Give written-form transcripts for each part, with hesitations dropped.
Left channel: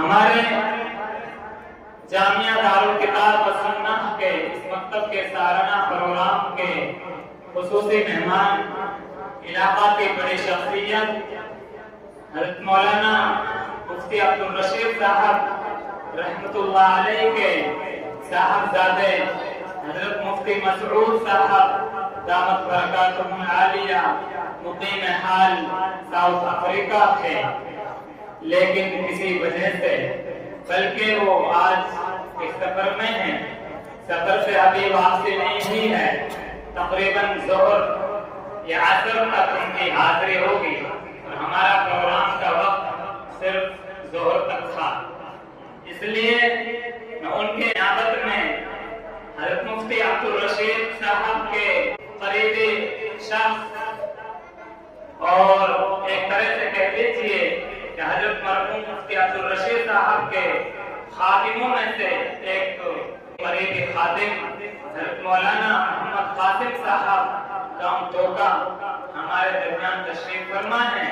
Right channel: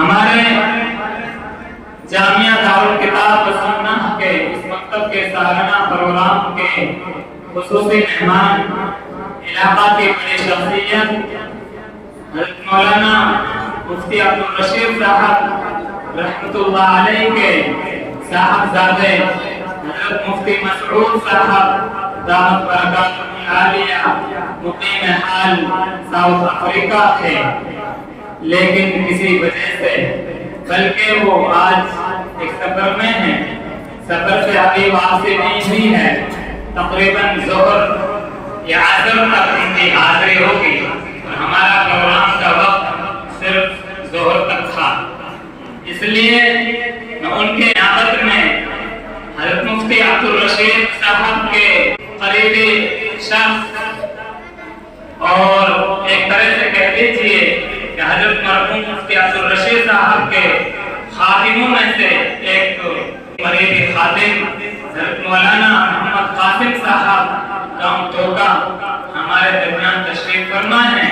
ہمارے جامعہ دارالکتاب و سنہ کے اس مکتب کے سالانہ پروگرام کے خصوصی مہمان علاقہ کے بڑے شخصیت حضرت مولانا مفتی عبدالرشید صاحب رحمۃ اللہ علیہ کے صاحبزادے حضرت مفتی مسعود صاحب دامت برکاتہ العالیہ مقیم حال ساؤتھ افریقہ تھے، لیکن کسی وجہ سے بلکہ وہ آج ایک سفر میں ہیں، سفر سے ابھی واپسی نہیں ہوئی ہے، تقریباً ظہر یا عصر تک ان کی حاضری ہوگی اور ہمارا پروگرام کا وقت صرف ظہر تک تھا، اس لیے میں ان کے نیابت میں حضرت مفتی عبدالرشید صاحب کے قریبی شخص اور ایک طرح سے کہہ لیجیے کہ حضرت مرحوم مفتی عبدالرشید صاحب کے خادموں میں سے ایک قریبی خادم حضرت مولانا محمد قاسم صاحب گاؤں توکا ہمارے درمیان تشریف فرما ہیں۔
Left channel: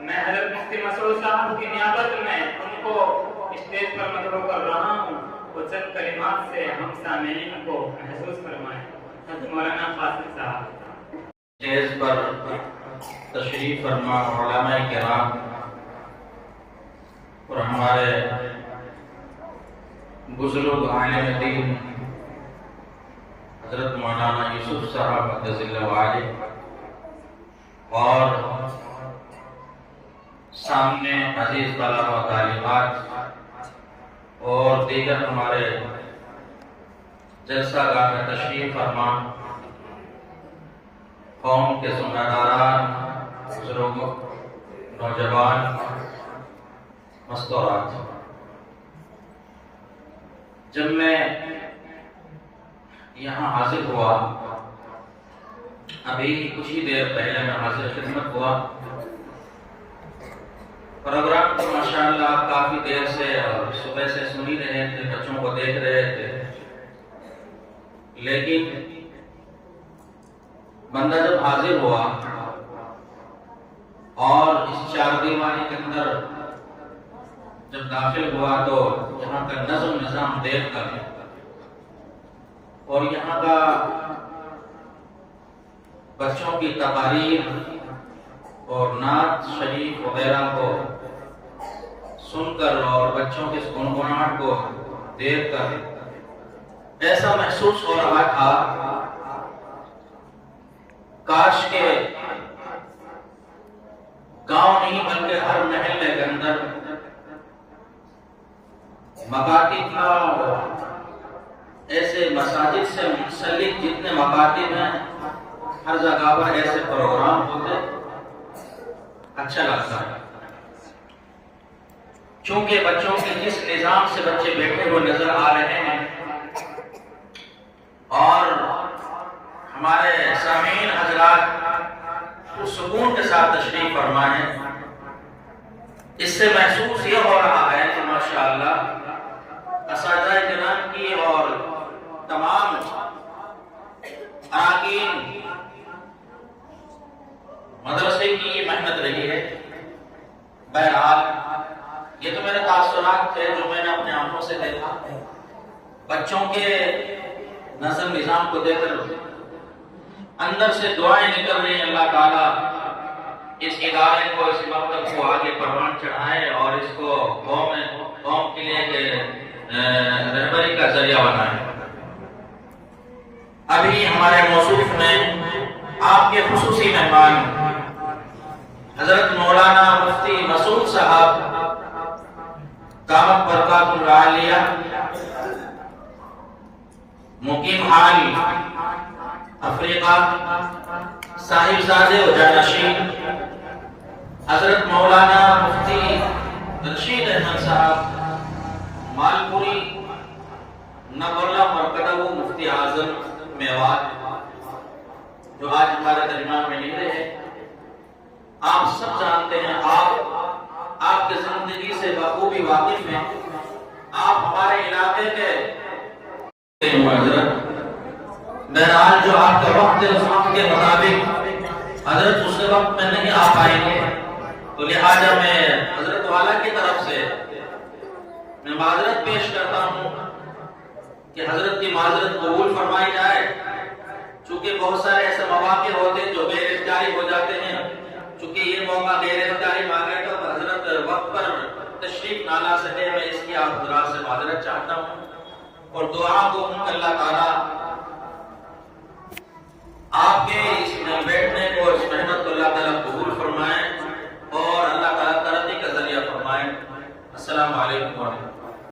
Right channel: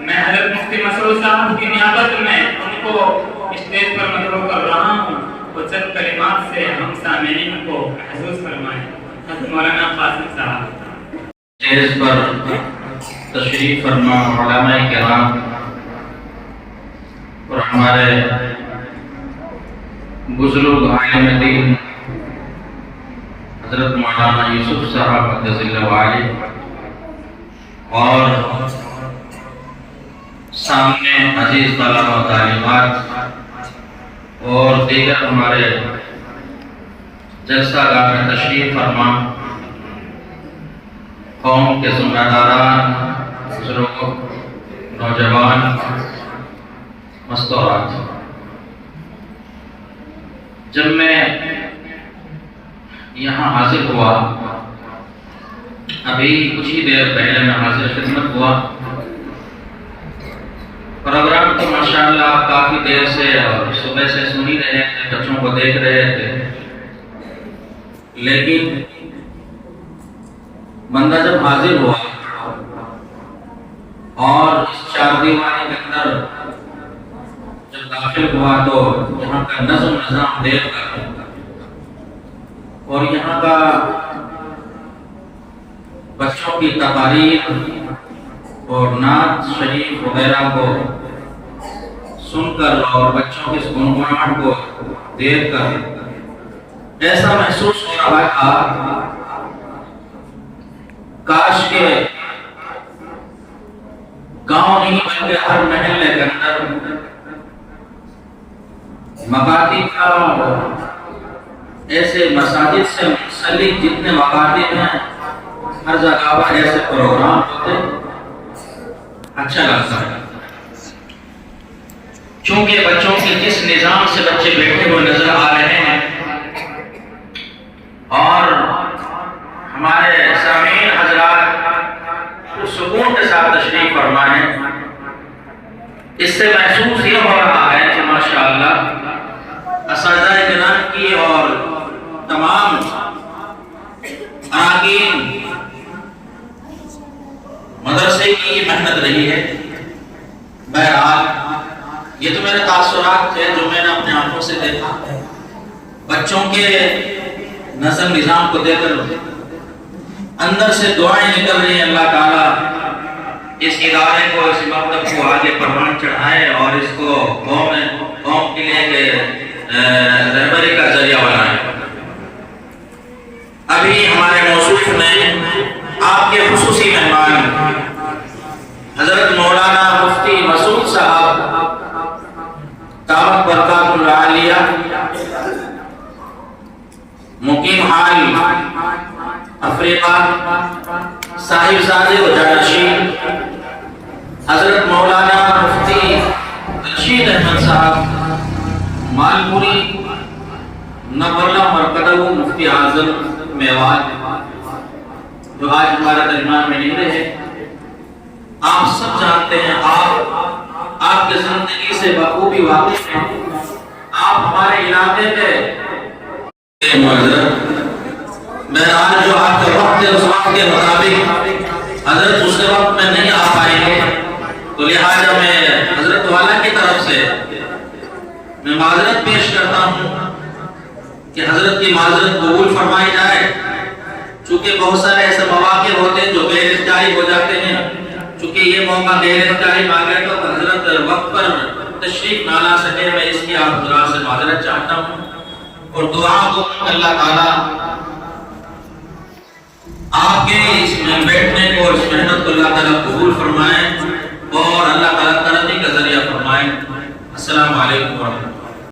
میں حضرت مفتی مسعود صاحب کی نیابت میں ان کو اسٹیج پر مدعو کر رہا ہوں، وہ چند کلمات سے ہم سامعین کو محسوس فرمائیں۔ حضرت مولانا قاسم صاحب اسٹیج پر تشریف فرما علماء کرام اور ہمارے بزرگ عالم دین حضرت مولانا یوسف صاحب مقدس اللہ علیہ اور سامنے عزیز طلباء و طالبات اور دیگر ہمارے جلسہ گاہ میں تشریف فرما قوم کے ذمہ داران، بزرگوں، نوجوان، مستورات، جب میں یہاں حاضر ہوا، ابھی کچھ ہی دیر پہلے میں حاضر خدمت ہوا، پروگرام تو ماشاءاللہ آپ کافی دیر سے اور صبح سے سن ہی رہے تھے، بچوں کو دیکھ رہے تھے، لیکن بندہ جب حاضر ہوا اور اس چار دیواری کے اندر جب داخل ہوا تو یہاں کا نظم نظام دیکھ کر اور یہاں کا بچوں کی تقاریر اور نعت شریف وغیرہ کو سن کر اور بچوں کی اس گنگناہٹ کو دیکھ کر ایسا محسوس ہو رہا تھا کاش کے گاؤں نہیں بلکہ ہر محلے کے اندر مکاتب کا ایسے مساجد سے منسلک جتنے مکاتب ہیں ہر جگہ پر ایسے پروگرام ہوتے، اچھا لگتا ہے، چونکہ بچوں کے جس نظام سے بچے بیٹھے ہوئے نظر آ رہے ہیں اور ہمارے سامعین حضرات سکون کے ساتھ تشریف فرمائیں، اس سے محسوس یہ ہو رہا ہے کہ ماشاءاللہ اساتذہ کرام کی اور تمام اراکین مدرسے کی یہ محنت رہی ہے۔ بہرحال یہ تو میرے تاثرات تھے جو میں نے اپنے آنکھوں سے دیکھا، بچوں کے نظم نظام کو دیکھ کر اندر سے دعائیں نکل رہی ہیں، اللہ تعالیٰ اس ادارے کو، اس مکتب کو آگے پروان چڑھائے اور اس کو قوم کے لیے رہبری کا ذریعہ بنائے۔ ابھی ہمارے موصوف میں آپ کے خصوصی مہمان حضرت مولانا مفتی مسعود صاحب دامت برکاتہ العالیہ مقیم حال افریقہ صاحبزادے و جانشین حضرت مولانا مفتی رشید احمد صاحب مالپوری نبرلہ مرکدہ مفتی اعظم میوات جو آج ہمارے درمیان میں نہیں رہے، آپ سب جانتے ہیں، آپ کے زندگی سے بخوبی واقف ہیں، آپ ہمارے علاقے کے معذرت بہرحال جو آپ کا وقت ہے اس وقت کے مطابق حضرت اس وقت میں نہیں آ پائیں گے، تو لہٰذا میں حضرت والا کی طرف سے میں معذرت پیش کرتا ہوں کہ حضرت کی معذرت قبول فرمائی جائے، چونکہ بہت سارے ایسے مواقع ہوتے ہیں جو غیر اختیاری ہو جاتے ہیں، چونکہ یہ موقع غیر اختیاری مانگے تو حضرت وقت پر تشریف نہ لا سکے، میں اس کی آپ حضرات سے معذرت چاہتا ہوں اور دعا کو اللہ تعالیٰ آپ کے اس میں بیٹھنے کو اور اس محنت کو اللہ تعالیٰ قبول فرمائے اور اللہ تعالیٰ ترقی کا ذریعہ فرمائے۔ السلام علیکم ورحمۃ اللہ۔